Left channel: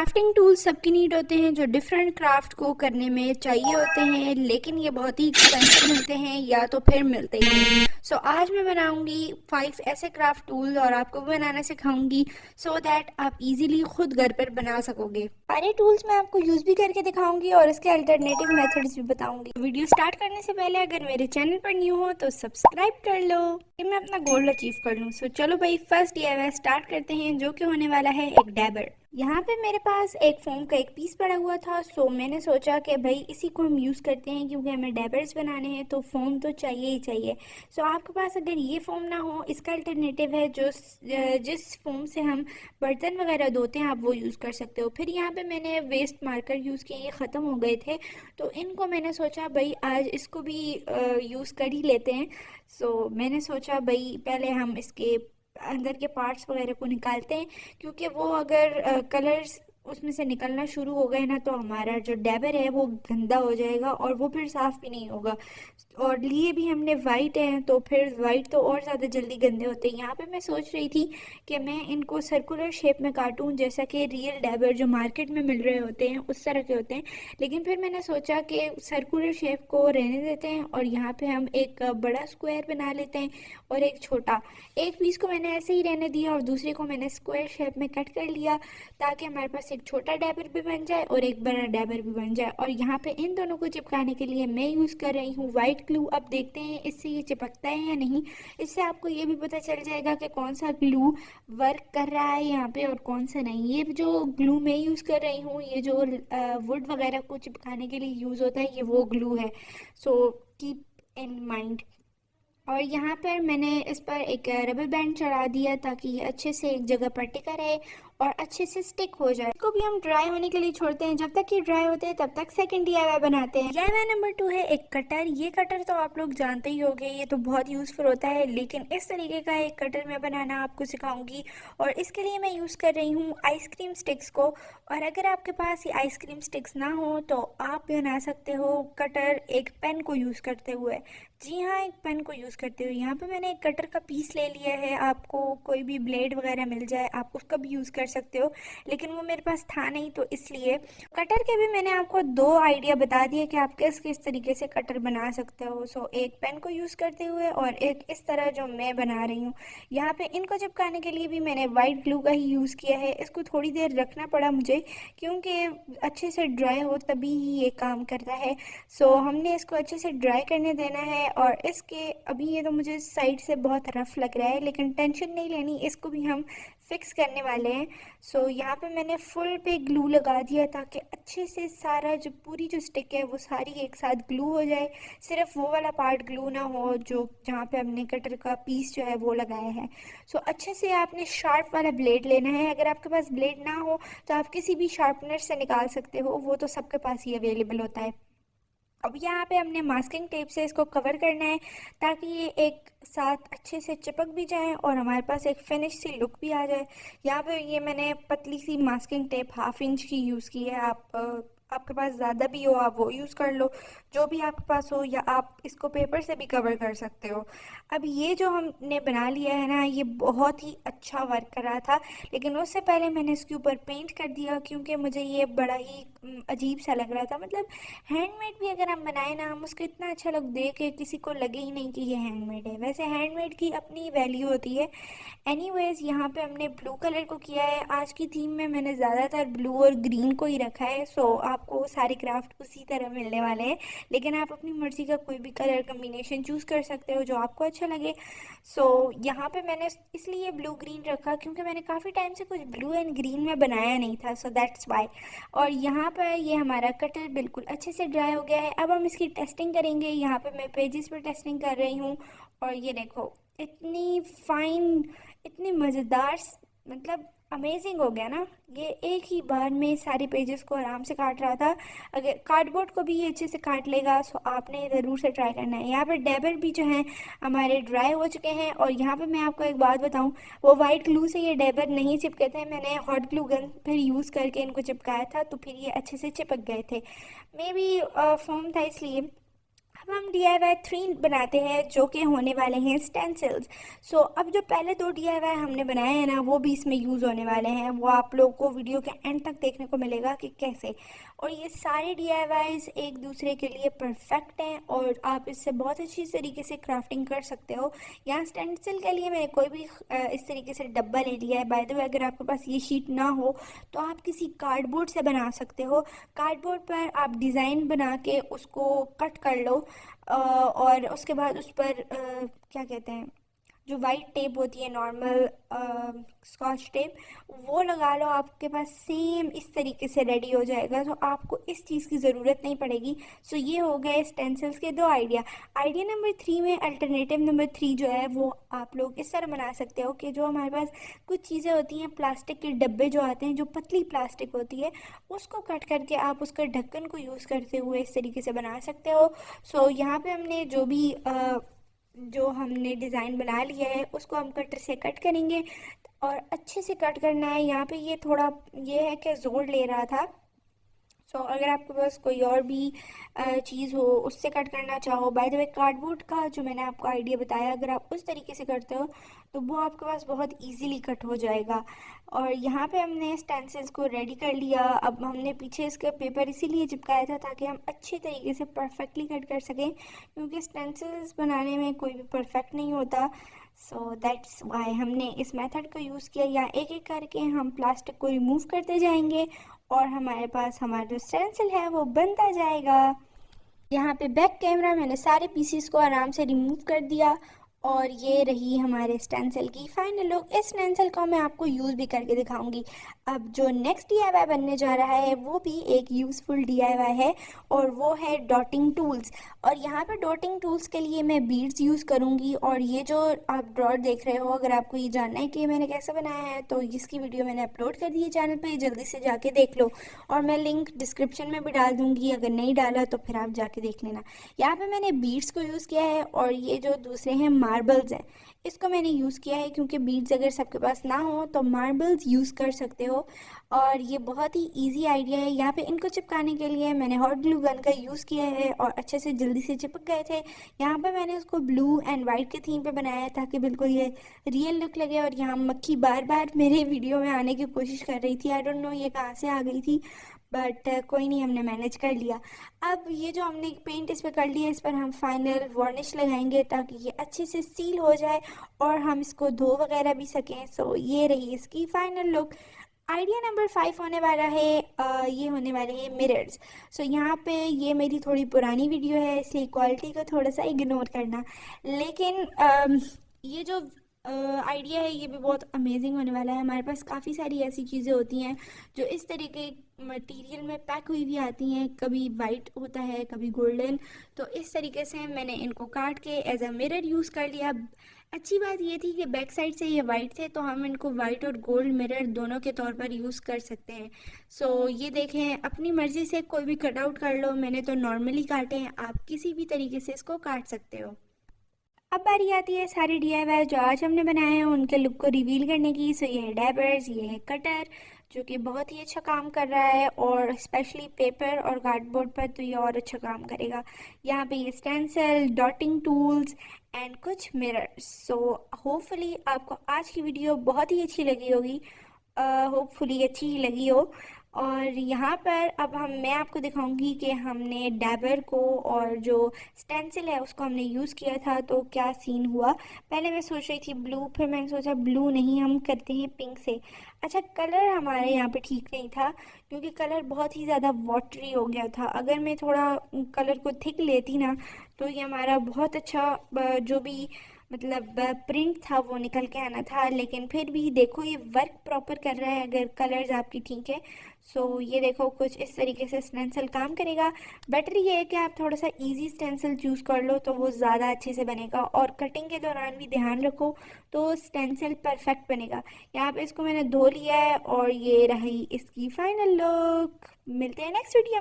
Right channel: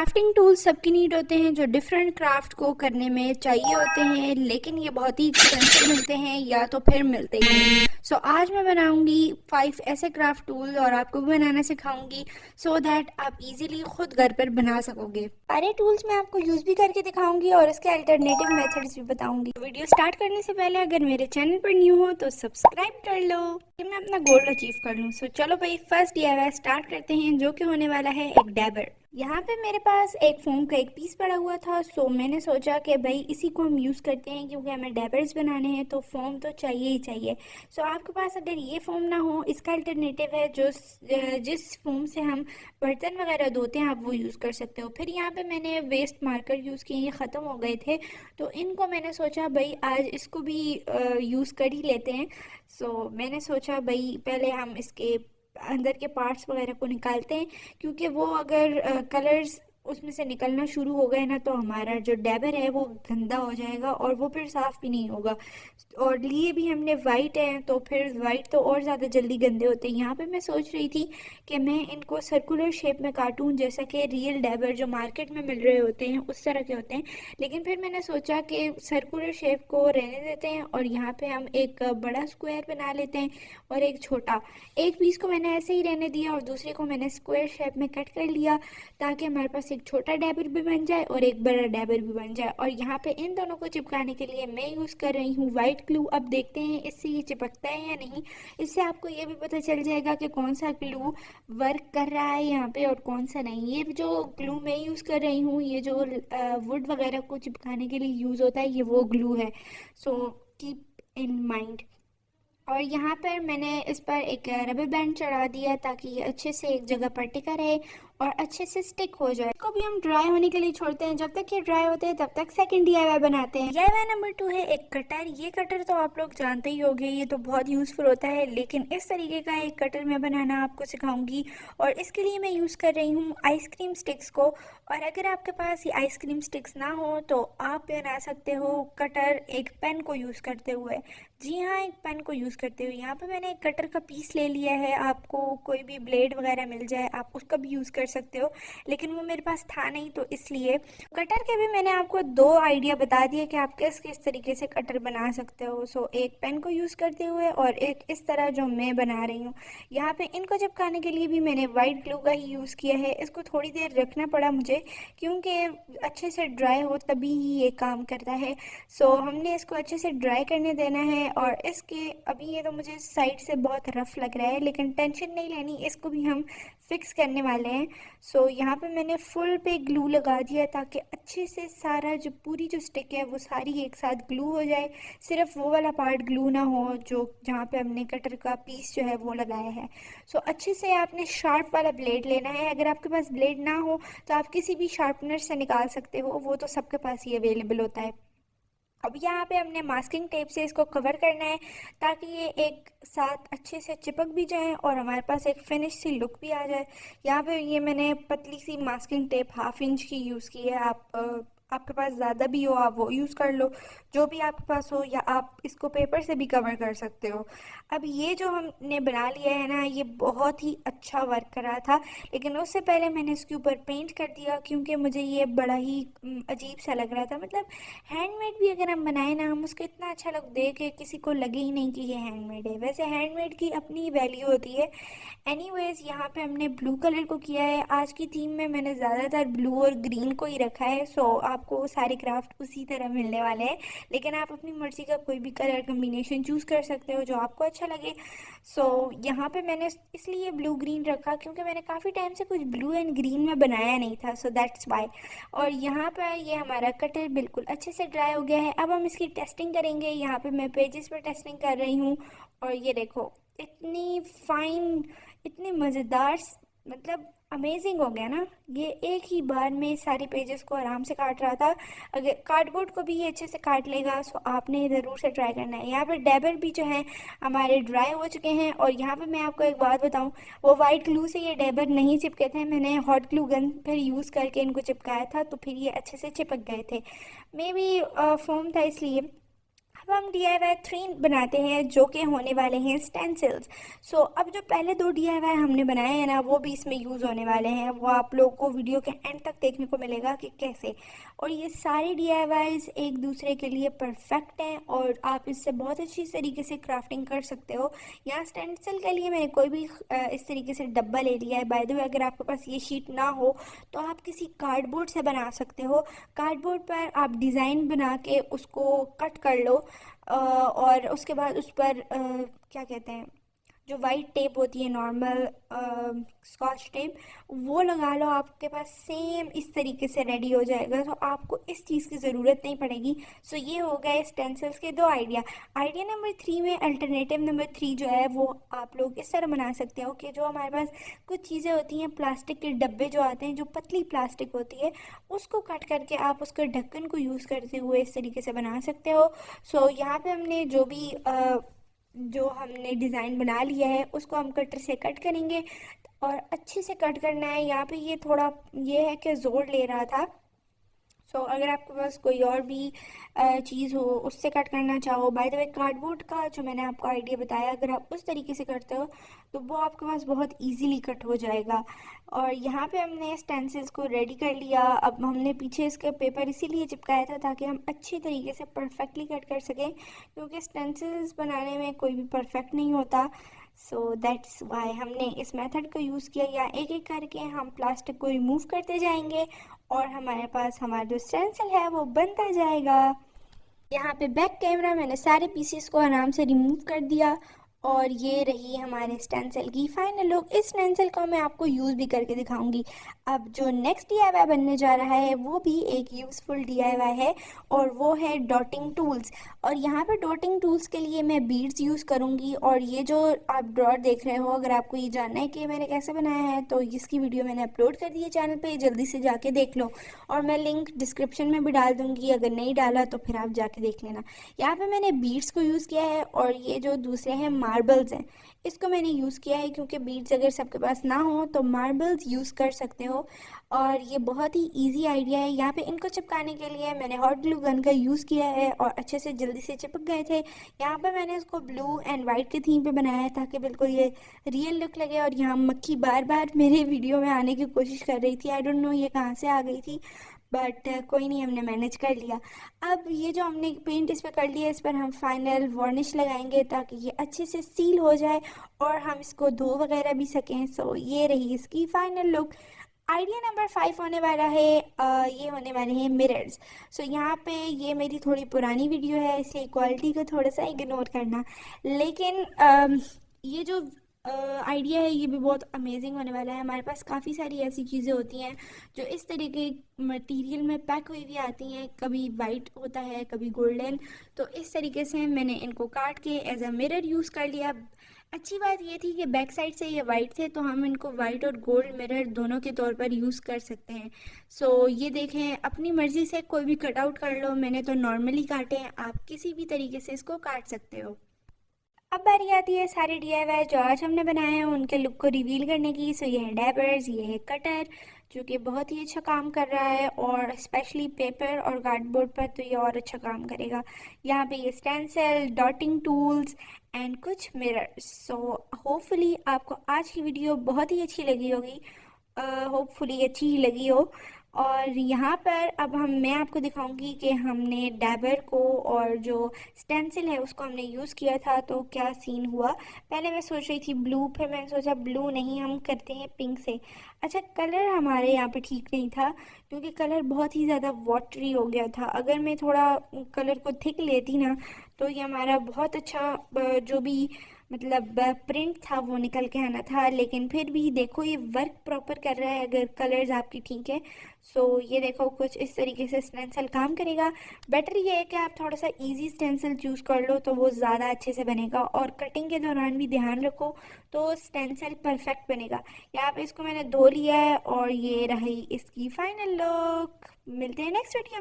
Crafting tools सबकी need होते हैं जो डिफरेंट क्राफ्ट को करने में चाहिए होते हैं, लेकिन ये बहुत ही एक्सपेंसिव मिलते हैं या तो फिर मिलते ही नहीं। आज मैं बनाऊंगी 5 ऐसे क्राफ्ट टूल्स और आपको भी बनाना सिखाऊंगी सो दैट आप इजीली खुद घर पर बना सकोगे। सारे टूल्स मैं आपको यूज भी करके दिखाऊंगी और इसके अल्टरनेटिव मेथड्स भी बताऊंगी। वीडियो स्टार्ट करने से पहले अगर मेरे चैनल पर न्यू हो तो सब्सक्राइब कर लो कि मैं अपना गोल अचीव कर लूँ। चलो भाई, फर्स्ट DIY स्टार्ट करते हैं जो कि होने वाला है एक डैबर। यहाँ पे मेरे पास एक फोम का एक पीस पड़ा हुआ था, सो मैंने सोचा कि भाई इसी को हम यूज़ करते हैं क्योंकि हमें डैबर्स बनाने हैं तो फोम तो चाहिए ही चाहिए। आपके पास अगर ये फोम ना हो, इसका अल्टरनेटिव है जो जिस फोम से हम बर्तन वगैरह धोते हैं, आप वो यूज़ कर सकते हो। फिर यहाँ पे मैंने वेस्ट मार्कर यूज़ किए, ये ख़त्म हो गए थे तो इनको मैंने सोचा भाई आज इसको भी यूज़ कर ही लेते हैं। मैंने सोचा भाई पहले हम इसके अंदर के पार्ट्स वगैरह को निकालते हैं, क्योंकि वो अगर कलर्स उसमें से निकलना शुरू हो गए ना तो हमारा जो डैबर है वो गंदा हो जाएगा और वो फिर साफ़ भी नहीं होगा। और लिए भी हमने वाइट है तो फिर वाइट तो और ज़्यादा जल्दी गंदे होते हैं। यहाँ पे मैं सोच रही थी कि मैं इनको सर्कुलर शेप में काटूं, जैसा कि रियल डैबर जो मार्केट में मिल रहे होते हैं उस तरह के होते हैं। लेकिन फिर मैंने सोचा कि सर्कुलर शेप को रहने देते हैं और यहाँ पे हम एक बड़ा स्क्वायर बना लेते हैं और एक छोटा। एक पीस को मैंने ऐसे ही रहने दिया और दूसरे को मैंने स्क्वायर शेप में कट कर लिया ताकि हमारे पास एक छोटा डैबर भी बन जाए और एक बड़ा डैबर भी बन जाए। और यहाँ पे इन दोनों को चिपकाने के लिए मैं यूज़ कर रही हूँ वाइट ग्लू। अब देखते हैं इससे ये चिपकता है या नहीं। इससे आपको ये भी पता चल जाएगा कि कौन सा ग्लू वर्क कर रहा है यहाँ पे और कौन सा नहीं। ये जो ग्लू मैं यूज़ कर रही हूँ, ये जो वुड वगैरह को चिपकाने के लिए यूज़ होता है, ये वो ग्लू है। Keep in mind. और यहाँ पर मैंने इस पर एक रबर बैंड चढ़ा दिया ताकि ये अच्छे से एक जगह पर टिका रहे और अच्छे से स्टिक हो जाए। इसको भी हम ड्राई होने के लिए छोड़ते हैं। जब तक ये ड्राई होते हैं तब तक सेकंड DIY बनाते हैं। DIY नंबर 2 है एक कटर। ये कटर तो आप लोग जानते ही होंगे, ये तो बहुत यूज़फुल होता है, लेकिन इस तरीके का एक कटर मैं बनाना आपको सिखाऊंगी और इसके लिए मैं यूज़ कर रही हूँ आइसक्रीम स्टिक्स को। और अगर आपके पास ये आइसक्रीम स्टिक्स ना हो तो आप बना सकते हो कटर एक पेन को यूज़ करते हुए। जी हाँ, एक पेन को यूज़ करते हुए। यहाँ पे मैंने एक कटर का पीस ले लिया है। आपको कोई भी ब्लेड वगैरह मिल जाए आप उसका भी यूज़ कर सकते हो, लेकिन वो मेरे पास था नहीं तो इसलिए। कटर के भी मैंने आपको 2 आइडिया बता दिए कि आप किस किस तरीके से कटर बना सकते हो। एक पेन को यूज़ करते हुए और एक इस तरह जो मैं बना रही हूँ। यहाँ पे इनको चिपकाने के लिए भी मैंने वाइट ग्लू का ही यूज़ किया है। इसको थोड़ी देर रखना पड़ा मुझे क्योंकि अच्छे से ड्राई हो तभी ही ये काम करता है। हमने इसको अच्छे से ड्राई करने देना है। और इसके अभी ये तो मुझे साइड से बहुत रफ लग रहा है, लेकिन टेंशन नहीं लेनी, इसको भी हम फिक्स करने वाले हैं। यहाँ पे मैंने फुल पे ग्लू लगा दिया ताकि अच्छे से सारा जो पूरी जो स्टिक है वो सारी एक साथ ग्लू हो जाए। सिर्फ वो वाला पार्ट ग्लू ना हो जो जहाँ पे हमने कटर का पीस जो है वो लगाया है। अच्छे से आपने शार्प वाला ब्लेड लेना है। अगर आपके पास ब्लेड ना हो तो आप किसी भी शार्पनर से निकाल सकते हो, वो तो सबके पास ही अवेलेबल होता है। अब यहाँ पे हमने मास्किंग टेप से इसको कवर करना है ताकि ये एक साथ अच्छे से चिपक भी जाए और हमारे पास एक फिनिश सी लुक भी आ जाए। यहाँ पे ये मैंने पतली सी मास्किंग टेप 1/2 इंच की यूज़ की है। आपके पास ज़्यादा भी हो आप वो यूज़ कर लो, जो भी आपके पास हो, या आप इसको पेपर से भी कवर कर सकते हो। अब ये जो हमने बना लिया है ना, ये बहुत ही अच्छा वर्क कर रहा था, लेकिन उससे पहले मैंने इसके ऊपर पेंट कर दिया क्योंकि मुझे ये बड़ा ही अजीब सा लग रहा था। मतलब हैंडमेड भी अगर हम बनाए ना, हम उसको इतना अच्छा लुक दे के किसी को लगे ही नहीं कि ये हैंडमेड है। वैसे हैंडमेड की अपनी वैल्यू होती है। एनीवेज, यहाँ पे हमने ब्लू कलर को किया है। आज की थीम में मैंने ज़्यादातर ब्लू और ग्रीन को ही रखा है। आपको सारे क्राफ्ट उसी तरह मिलने वाले हैं, लेकिन आप अपनी मर्ज़ी का कोई भी कलर कम्बिनेशन चूज़ कर सकते हो जो आपको अच्छा लगे। यहाँ पे मैंने इसलिए ब्लू ग्रीन रखा क्योंकि मैंने काफ़ी टाइम से कुछ ब्लू एंड ग्रीन में बनाया नहीं था, दैट्स वाई। और यहाँ पर ये हमारा कटर बिल्कुल अच्छे से ड्राई हो गया है। अब हम इसकी टेस्टिंग करेंगे। यहाँ पे मैं पेजेस पर टेस्टिंग कर रही हूँ और ये देखो इतनी फाइन, इतनी मज़ेदार, मतलब अमेजिंग हो गया ना। ये एक ही बार में सारे पेजेस को आराम से काट रहा था। अगर कार्डबोर्ड को भी ये अच्छे से काट लेगा, आपने ज़रूर से ट्राई करना है। यहाँ पर डैबर भी जो है हमारे ड्राई हो चुके हैं। और यहाँ पे मैं आपको एक बात बताऊँ, वो वाइट ग्लू से ये डैबर नहीं चिपके थे। मैंने हॉट ग्लू गन फिर यूज़ करके इनको चिपकाया था तो फिर ये अच्छे से चिपक गए थे। मे बी फोम था इसलिए। अब हम DIY 3 बनाते हैं जो कि होने वाले हैं स्टेंसिल्स। सो अब जो पहले 2 DIY हमने बनाए हैं ना, वो भी इसमें यूज़ होने वाले हैं। वो आप लोग को वीडियो के एंड तक देखने को मिलेगा कि कैसे। और ये सारे DIYs एक दूसरे के लिए परफेक्ट हैं और आप इससे बहुत अच्छी तरीके से क्राफ्टिंग कर सकते हो। यहाँ स्टेंसिल के लिए मैंने कोई भी इस तरीके से डब्बा ले लिया है। बाय द वे, अगर आपके पास ये शीट ना हो तो आप किसी कार्डबोर्ड से बना सकते हो। कार्डबोर्ड पर आप डिज़ाइन बना के उसको कट कर लो और उसके बाद उस पर क्या कहते हैं, जो वाइट टेप होती है नॉर्मल स्कॉच टेप, वो लगा लो। आपके पास सेम इस तरीके से रेडी हो जाएगा, तो आपको इस चीज़ की ज़रूरत नहीं पड़ेगी। सो ये हो गए स्टेंसिल्स के 2 आइडिया। आइडिया नंबर 3 में, अल्टरनेटिव नंबर 3 जो है वो आप लोग इस तरह बना सकते हो कि जो हमारे पास कुछ चीज़ें होती हैं, प्लास्टिक के डब्बे जो आते हैं, जो पतली प्लास्टिक होती है, उसको कट करके आप उसका ढक्कन को यूज़ करते हुए इस तरीके से बना सकते हो। सो यहाँ पे हमने जो हमने डिज़ाइन बना लिया है उसको हम कटर से कट करेंगे और अच्छे से कट करना है। यहाँ पे ये थोड़ा ये है कि ज़ोर ले रहा था। सो अगर आपके पास कोई और भी चीज़ हो उससे कट करना चाहो, बाय द वे कार्डबोर्ड का जो मैंने आपको आइडिया बताया, अगर आप उस तरीके से करते हो तो वो आपके पास बहुत इजीली कट हो जाएगा। और यहाँ पे हमने स्टेंसिल्स को रेडी कर लिया। अब हमने पीछे इसका पेपर इसीलिए चिपकाया था ताकि हम अच्छे तरीके से परफेक्टली कट कर सकें, क्योंकि स्टेंसिल्स बनाने में कोई भी परफेक्ट नहीं होता। सो दैट्स वाई हमने इस मेथड को यूज़ किया। या एक एक करके हम प्लास्टिक को रिमूव करते जाएंगे और हमारे पास हमारा जो स्टेंसिल है वो बनता जाएगा। यहाँ पे बैक कैमरा मैंने सारे पीसेस को आराम से रिमूव कर दिया और ये रही हमारे स्टेंसिल की फाइनल लुक। इस स्टेंसिल को मैं आपको यूज़ भी करके दिखाऊंगी। अब जो नेक्स्ट DIY बनने जा रहा है वो भी एक यूज़फुल DIY है और वो है डॉटिंग टूल्स। और यहाँ पर डॉटिंग टूल्स के लिए मैं बीड्स यूज़ करूँगी। और ये जो आप डॉट देख रहे हो, अगर आपको ये जानना है कि मैंने कैसे बनाया है तो इसकी वीडियो मैंने अपलोड कर दी है चैनल पे, जल्दी से जाके देख लो। और मैं लिंक डिस्क्रिप्शन में भी डाल दूँगी, अगर नहीं डाला तो फिर आप जाके देख लेना। यहाँ पे मैंने बीड्स को यूज़ किया है और ये जो दूसरे हैं मार्बल्स हैं, इसको मैंने यूज़ किया है क्योंकि बीड्स अगर सबके पास ना हो तो मार्बल्स यूज़ कर सकते हो। और ये बहुत ही इजी आइडिया है। यहाँ पे इनको चिपकाने के लिए मैंने हॉट ग्लू गन का यूज़ किया है और अच्छे से जल्दी से चिपक गए थे। यहाँ पे मैंने इसको ब्लू एंड वाइट के थीम पे बनाया है ताकि बिल्कुल ये रियल लुक लगे। और यहाँ मक्खी बार बार मेरे वीडियो में आने की कोशिश कर रही थी, आई डोंट नो ये कहाँ से आ गई थी, बट कोई नहीं, हमने मैनेज कर लिया। अब ये जो हमने पेंट इस पर कर लिया, इस पर हम फाइनल वार्निश लगाएंगे ताकि ये अच्छे से सील हो जाए और हम इसको धो वगैरह भी सकें। सो ये रही इसकी फाइनल लुक। आइडिया नंबर 5 होने वाला है, ये होने वाले हैं मिरर्स। सो यहाँ पे ये मेरी थोड़ी पुरानी वीडियो है इसलिए क्वालिटी को थोड़ा सा इग्नोर करना, लेकिन ये जो आइडिया है ये भी बहुत अमेजिंग होने वाला है। हमारे पास काफ़ी सारी ऐसी चीज़ें होती हैं जो इस तरह के मटेरियल में पैक हुई भी आती हैं, कभी वाइट होता है कभी गोल्डन। तो इस तरीके से मैंने इनको काट के एज अ मिरर यूज़ कर लिया। अच्छी बात ये थी कि बैक साइड से ये वाइट थे तो हम इनको वाइट और गोल्ड मिरर दोनों के तौर पर यूज़ कर सकते हैं। सो ये देखें, अपनी मर्ज़ी से कोई भी कट आउट कर लो, मैंने तो नॉर्मली काटे हैं, आप किसी भी तरीके से इसको काट सकते हो। अब बारी आती है सारे DIY जो आज हमने बनाए हैं उनके लुक को रिवील करने की। सो ये है डैबर्स, ये है कटर जो कि बहुत ही अच्छा काम कर रहा है और स्पेशली पेपर और कार्डबोर्ड पर तो ये और अच्छा काम करेगा। यहाँ पे ये स्टेंसिल, डॉटिंग टूल्स एंड कुछ मिरर्स। सो होपफुली आपको आज की वीडियो बहुत ही अच्छी लगी होगी, होपफुली अच्छी ही लगी हो। और यहाँ पर अब मैं आपको दिखाऊंगी कि हमने डैबर को और जो स्टेंसिल है उसको हमने यूज़ किया था तो क्या सीन हुआ। पहले मैं सोच रही थी ब्लू, फिर मैंने सोचा ब्लू नहीं, हम करते हैं पिंक से। अच्छा, कलर हमारे यहाँ पे ठीक नहीं था क्योंकि कलर बहुत ही ज़्यादा वाटरी हो गया था। अगर मैं थोड़ा कलर को थिक लेती ना तो ये हमारा बहुत अच्छा जो भी मतलब प्रिंट था वो निकल के आना था। लेकिन फिर भी देखो ये वर्क प्रॉपर कर रहा है अगर कलर्स आपकी ठीक है। सो ये देखो कुछ इस तरीके से स्टेंसिल काम करेगा। बेटर ये है कि आप थोड़ा सा इजी स्टेंसिल चूज़ कर लो तो वो ज़्यादा अच्छे से बनेगा और कटिंग के दौरान भी ध्यान रखो तो स्टेंसिल परफेक्ट बनेगा। यहाँ पे इसको मैंने धो लिया है और ये रही इसकी फाइनल लुक। मिलते हैं नेक्स्ट वीडियो।